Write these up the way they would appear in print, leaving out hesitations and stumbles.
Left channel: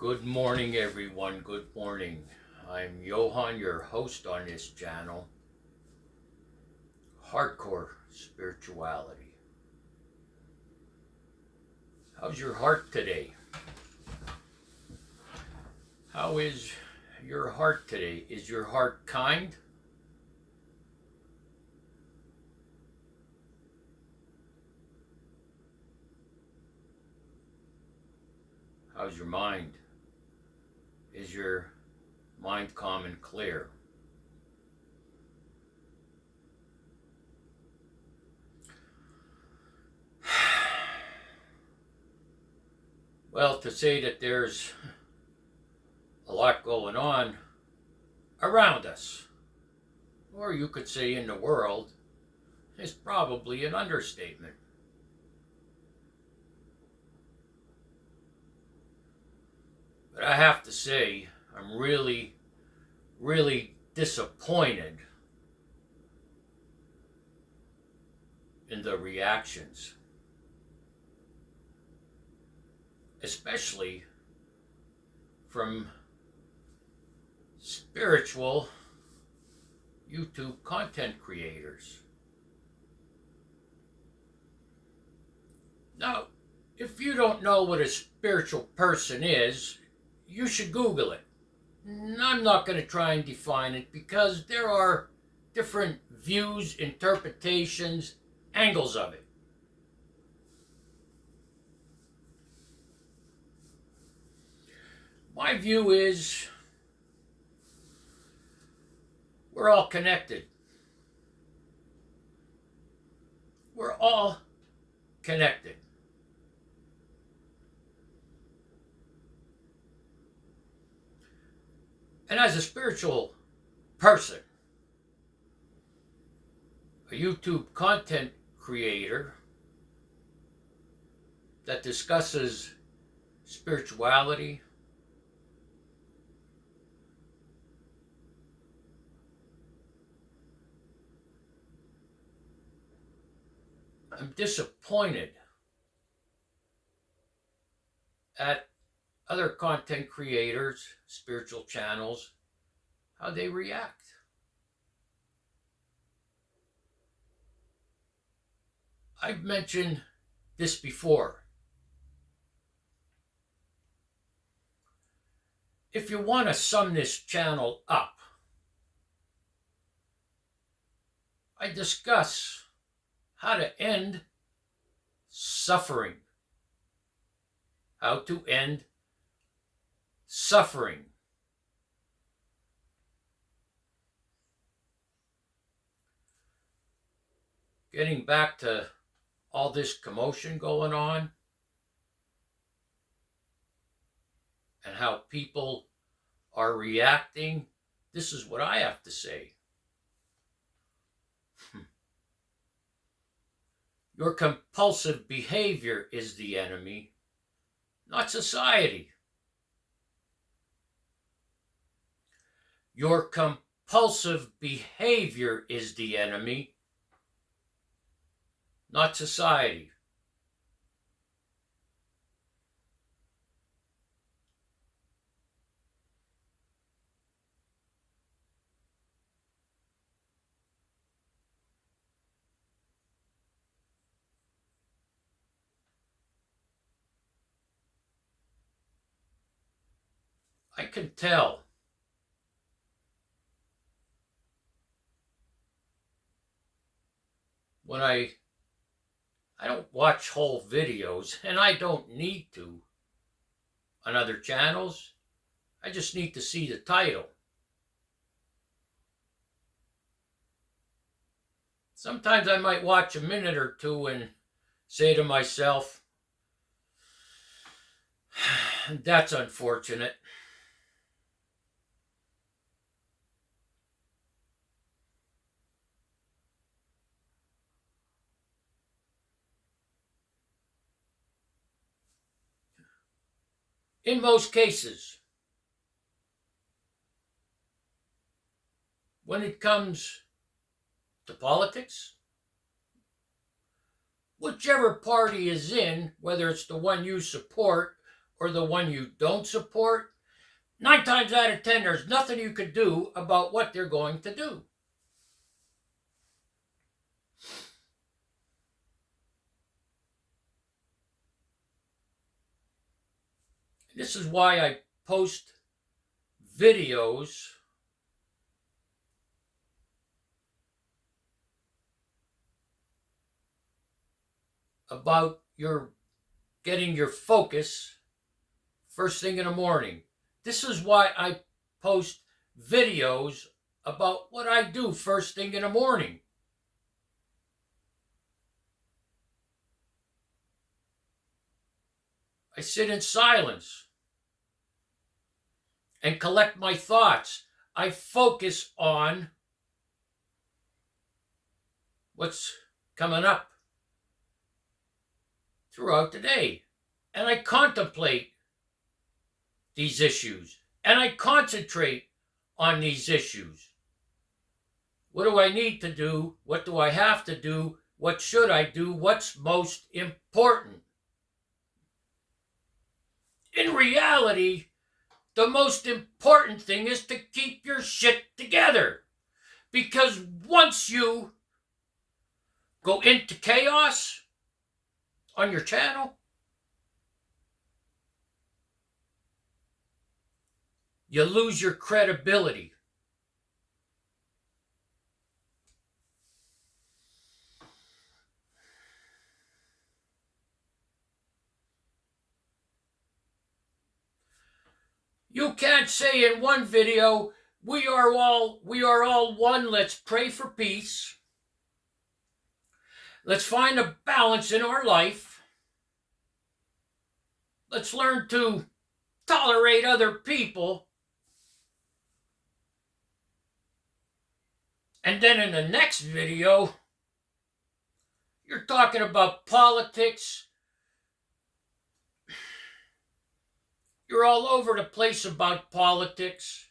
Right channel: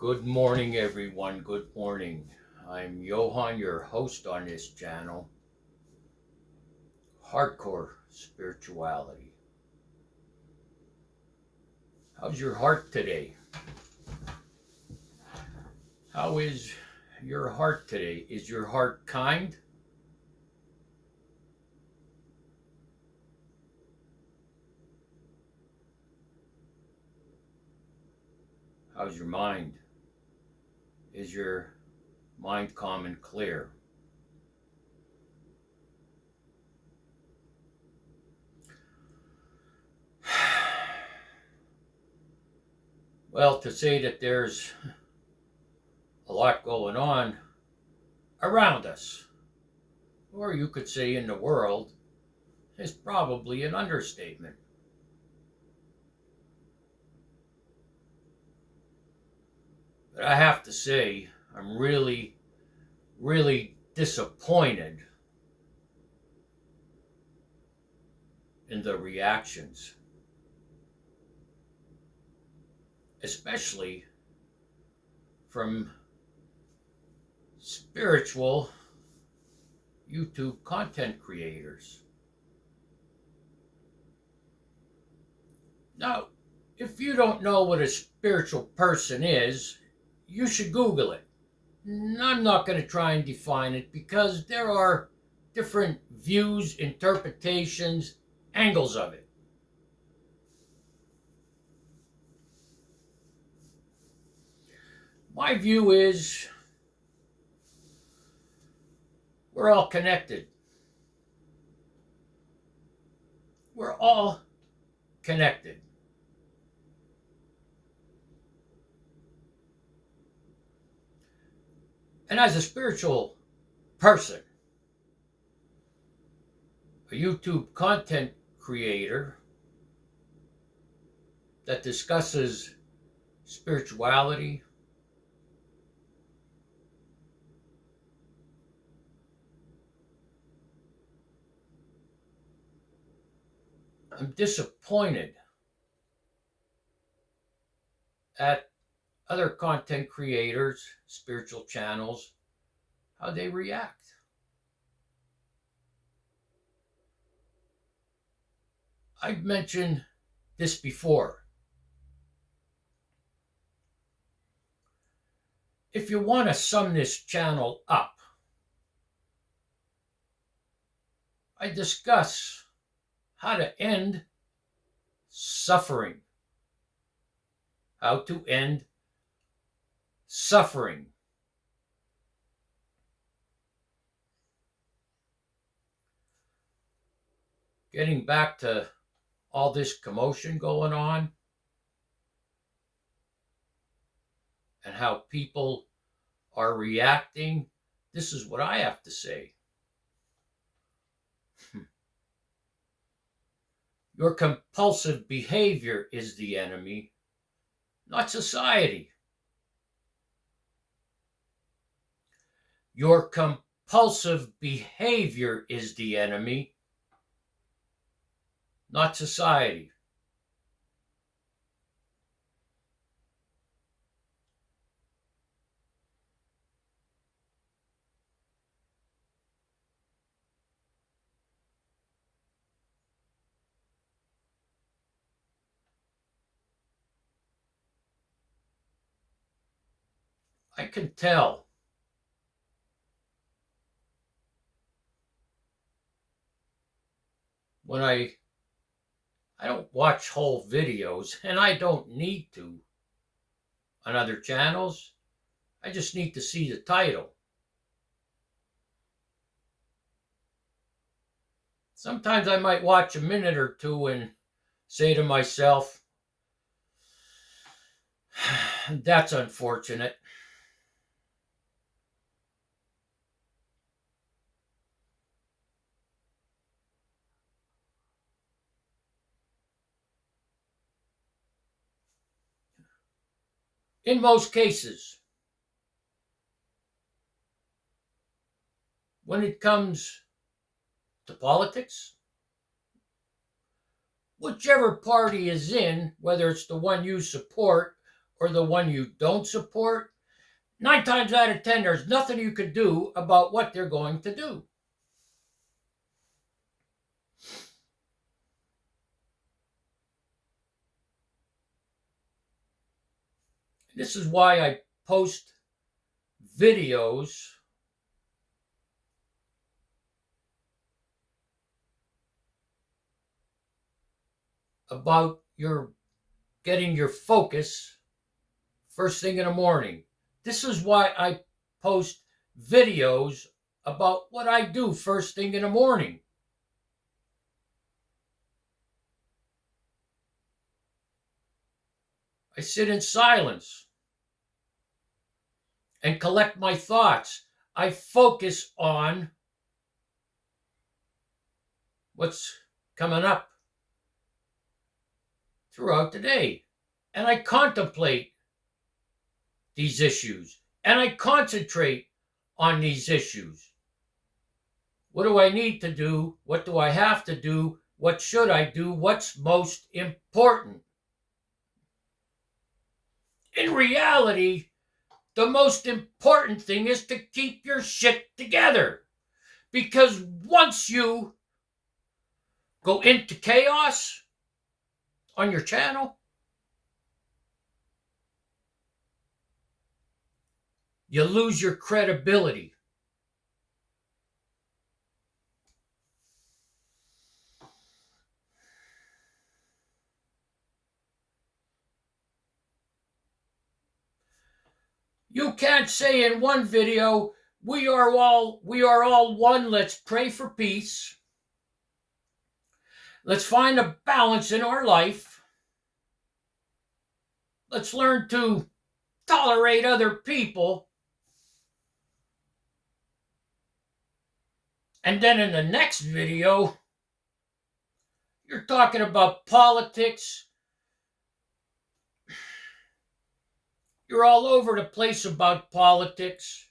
Good morning, everyone. Good morning. I'm Johan, your host on this channel. Hardcore spirituality. How's your heart today? How is your heart today? Is your heart kind? How's your mind? Is your mind calm and clear? Well, to say that there's a lot going on around us, or you could say in the world, is probably an understatement. But I have to say, I'm really disappointed in the reactions, especially from spiritual YouTube content creators. Now, if you don't know what a spiritual person is, you should Google it. I'm not going to try and define it because there are different views, interpretations, angles of it. My view is we're all connected. We're all connected. And as a spiritual person, a YouTube content creator that discusses spirituality, I'm disappointed at other content creators, spiritual channels, how they react. I've mentioned this before. If you want to sum this channel up, I discuss how to end suffering. How to end suffering. Getting back to all this commotion going on and how people are reacting, this is what I have to say. Your compulsive behavior is the enemy, not society. Your compulsive behavior is the enemy, not society. I can tell when I don't watch whole videos, and I don't need to on other channels. I just need to see the title. Sometimes I might watch a minute or two and say to myself, that's unfortunate. In most cases, when it comes to politics, whichever party is in, whether it's the one you support or the one you don't support, 9 times out of 10, there's nothing you can do about what they're going to do. This is why I post videos about getting your focus first thing in the morning. This is why I post videos about what I do first thing in the morning. I sit in silence and collect my thoughts. I focus on what's coming up throughout the day. And I contemplate these issues. And I concentrate on these issues. What do I need to do? What do I have to do? What should I do? What's most important? In reality, the most important thing is to keep your shit together. Because once you go into chaos on your channel, you lose your credibility. You can't say in one video, we are all one, let's pray for peace. Let's find a balance in our life. Let's learn to tolerate other people. And then in the next video, you're talking about politics. You're all over the place about politics.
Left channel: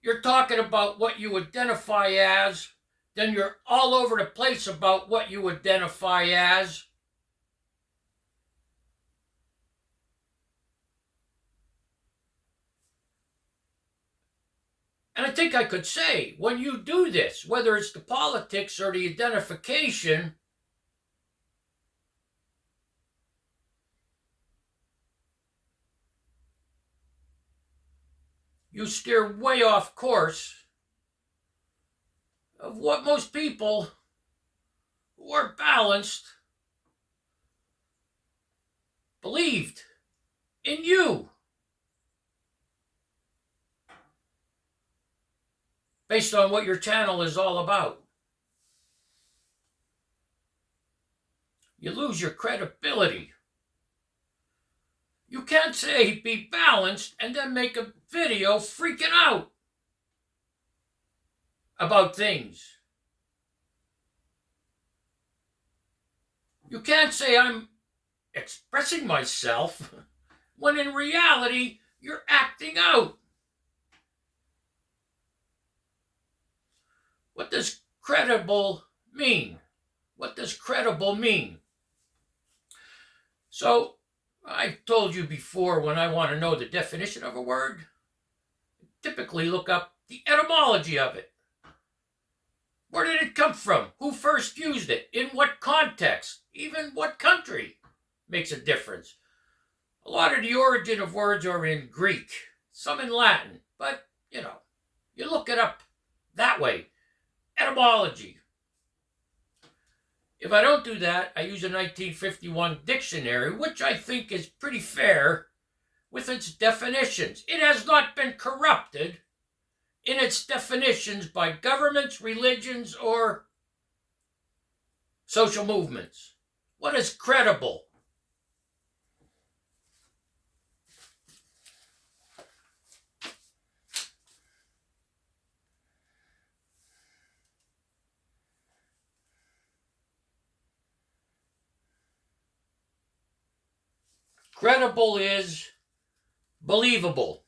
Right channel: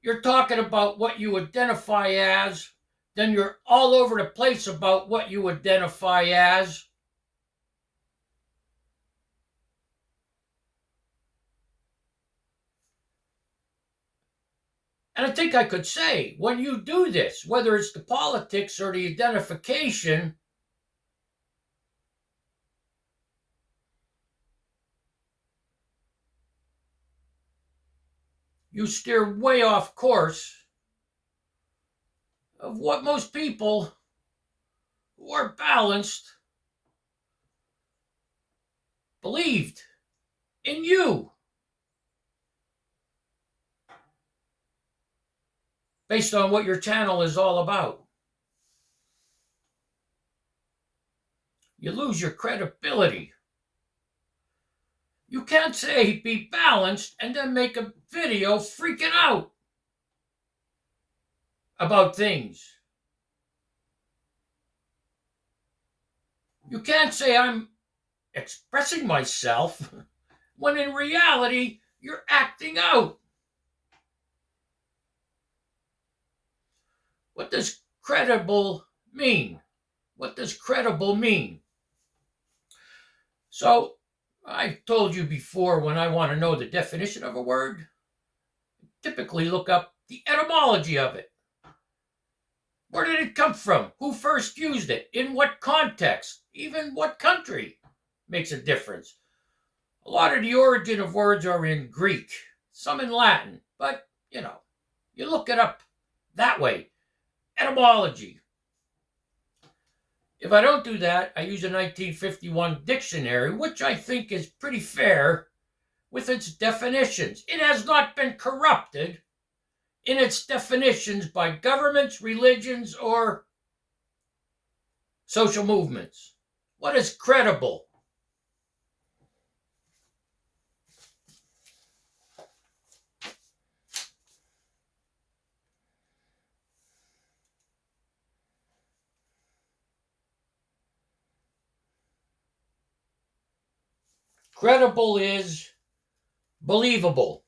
You're talking about what you identify as. Then you're all over the place about what you identify as. And I think I could say, when you do this, whether it's the politics or the identification, you steer way off course of what most people who are balanced believed in you, based on what your channel is all about. You lose your credibility. You can't say be balanced and then make a video freaking out about things. You can't say I'm expressing myself when in reality you're acting out. What does credible mean? What does credible mean? So, I've told you before, when I want to know the definition of a word, I typically look up the etymology of it. Where did it come from? Who first used it? In what context? Even what country makes a difference. A lot of the origin of words are in Greek, some in Latin, but, you look it up that way. Etymology. If I don't do that, I use a 1951 dictionary, which I think is pretty fair with its definitions. It has not been corrupted in its definitions by governments, religions, or social movements. What is credible? Credible is believable.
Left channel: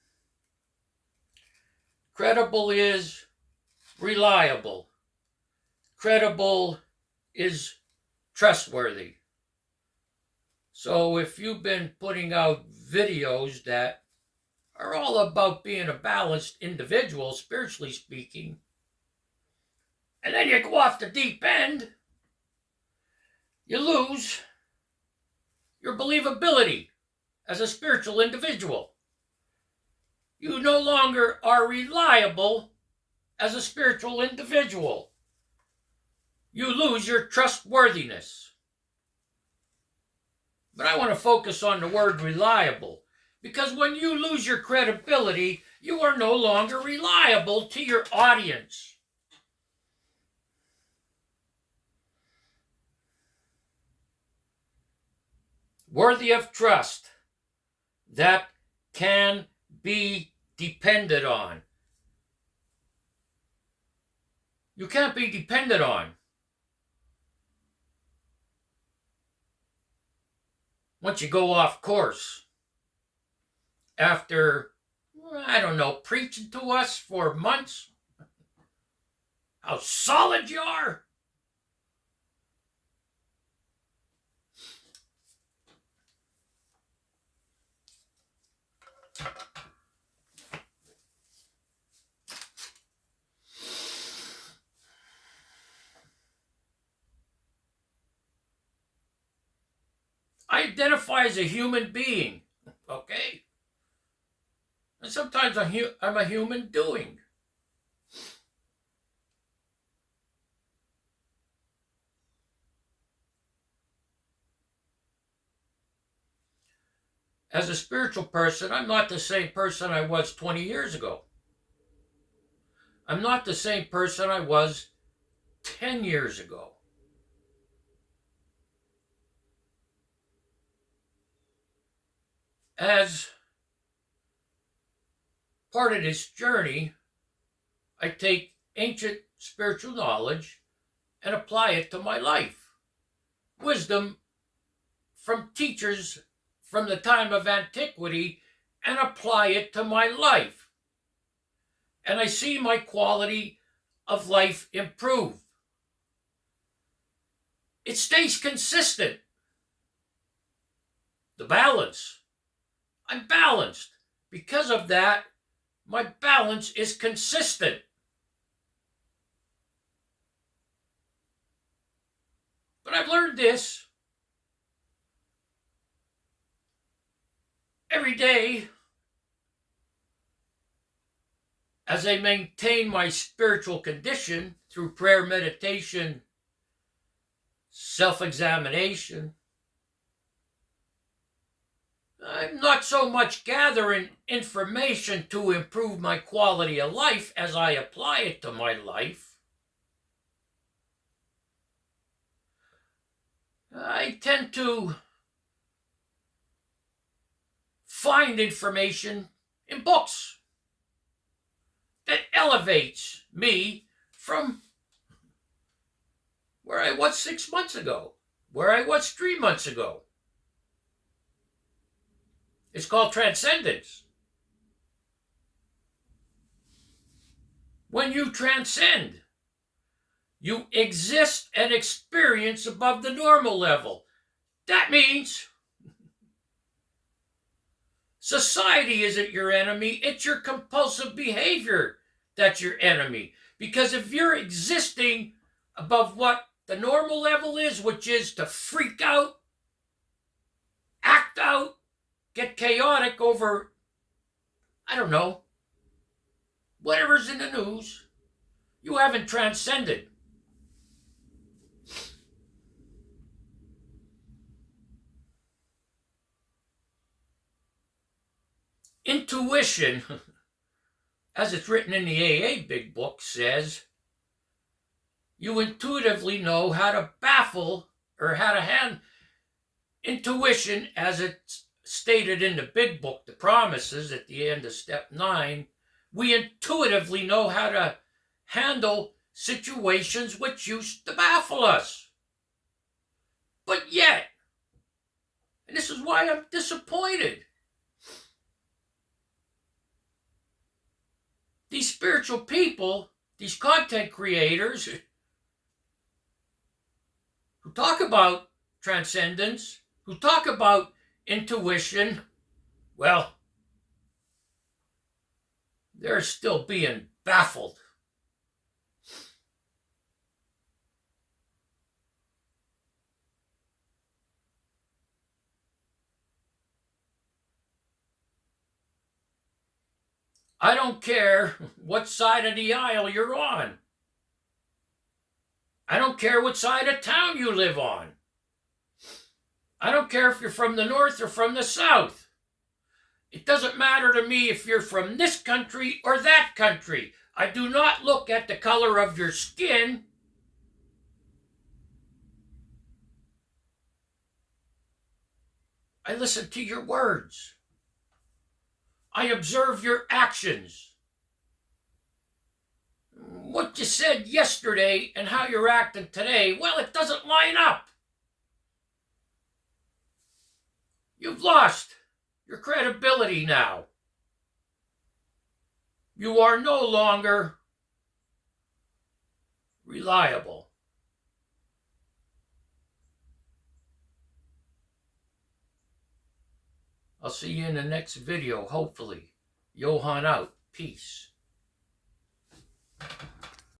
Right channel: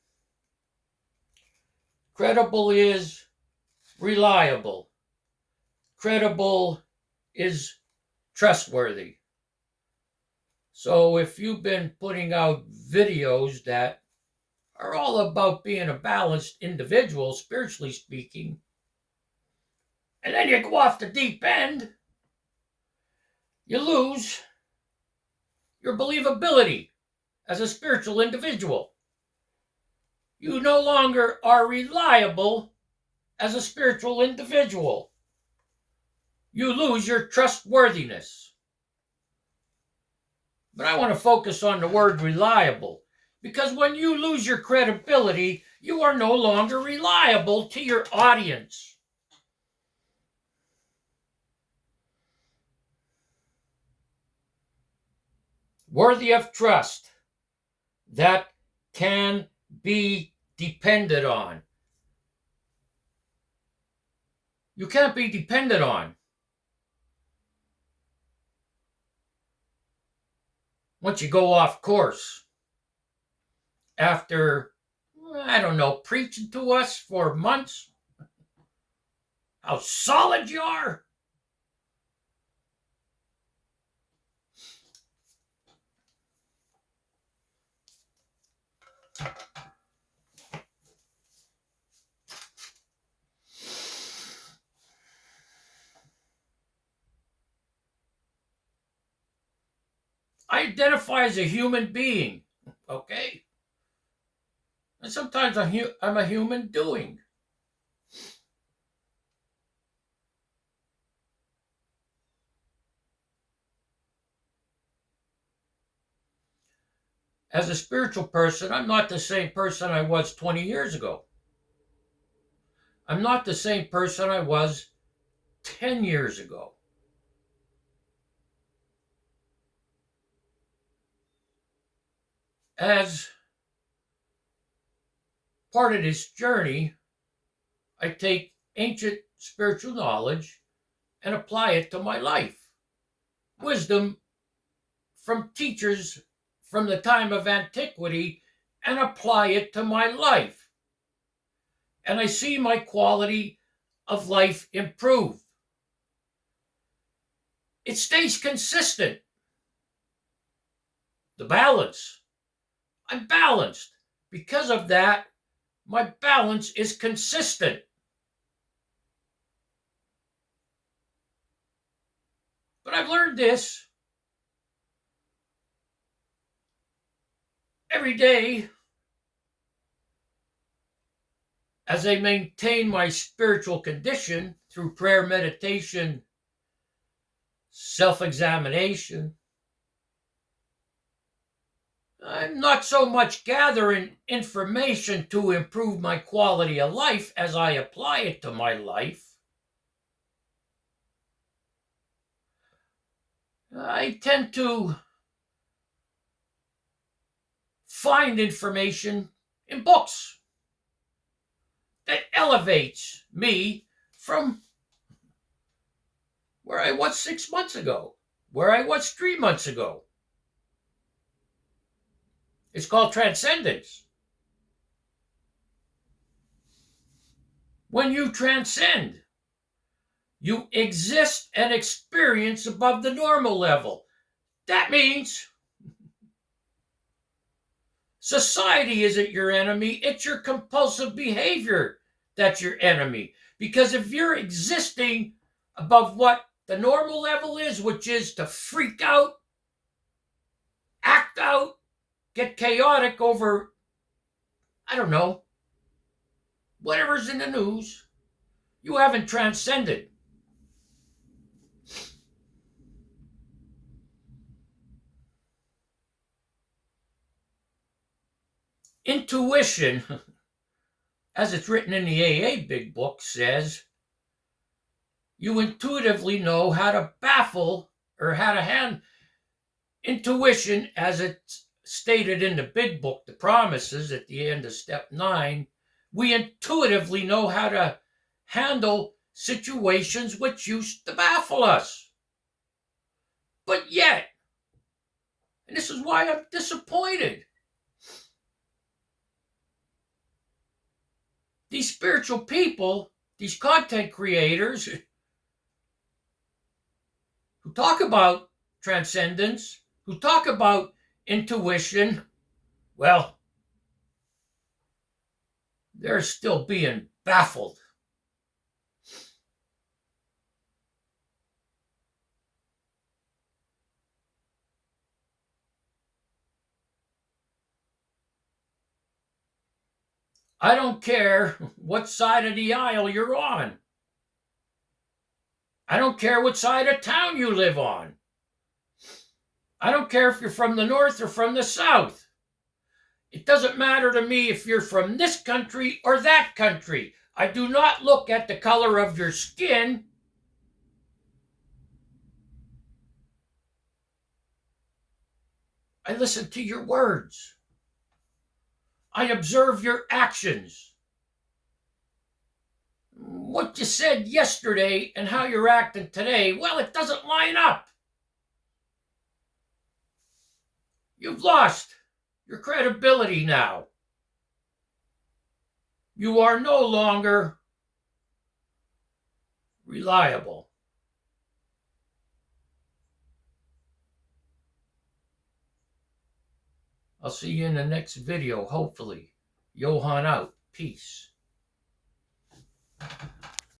Credible is reliable. Credible is trustworthy. So if you've been putting out videos that are all about being a balanced individual, spiritually speaking, and then you go off the deep end, you lose your believability as a spiritual individual. You no longer are reliable as a spiritual individual. You lose your trustworthiness. But I want to focus on the word reliable, because when you lose your credibility, you are no longer reliable to your audience. Worthy of trust, that can be depended on. You can't be depended on. Once you go off course, after, I don't know, preaching to us for months, how solid you are. I identify as a human being, okay? And sometimes I'm a human doing. As a spiritual person, I'm not the same person I was 20 years ago. I'm not the same person I was 10 years ago. As part of this journey, I take ancient spiritual knowledge and apply it to my life. Wisdom from teachers from the time of antiquity, and apply it to my life. And I see my quality of life improve. It stays consistent. The balance. I'm balanced. Because of that, my balance is consistent. But I've learned this. Every day, as I maintain my spiritual condition through prayer, meditation, self-examination, I'm not so much gathering information to improve my quality of life as I apply it to my life. I tend to find information in books that elevates me from where I was 6 months ago, where I was 3 months ago. It's called transcendence. When you transcend, you exist and experience above the normal level. That means society isn't your enemy, it's your compulsive behavior that's your enemy. Because if you're existing above what the normal level is, which is to freak out, act out, get chaotic over, I don't know, whatever's in the news, you haven't transcended. Intuition, as it's written in the AA Big Book, says you intuitively know how to baffle or how to hand intuition, as it's stated in the Big Book, the promises at the end of step 9. We intuitively know how to handle situations which used to baffle us. But yet, and this is why I'm disappointed, these spiritual people, these content creators who talk about transcendence, who talk about intuition, Well, they're still being baffled. I don't care what side of the aisle you're on. I don't care what side of town you live on. I don't care if you're from the north or from the south. It doesn't matter to me if you're from this country or that country. I do not look at the color of your skin. I listen to your words. I observe your actions. What you said yesterday and how you're acting today, well, it doesn't line up. You've lost your credibility now. You are no longer reliable. I'll see you in the next video, hopefully. Johan out. Peace.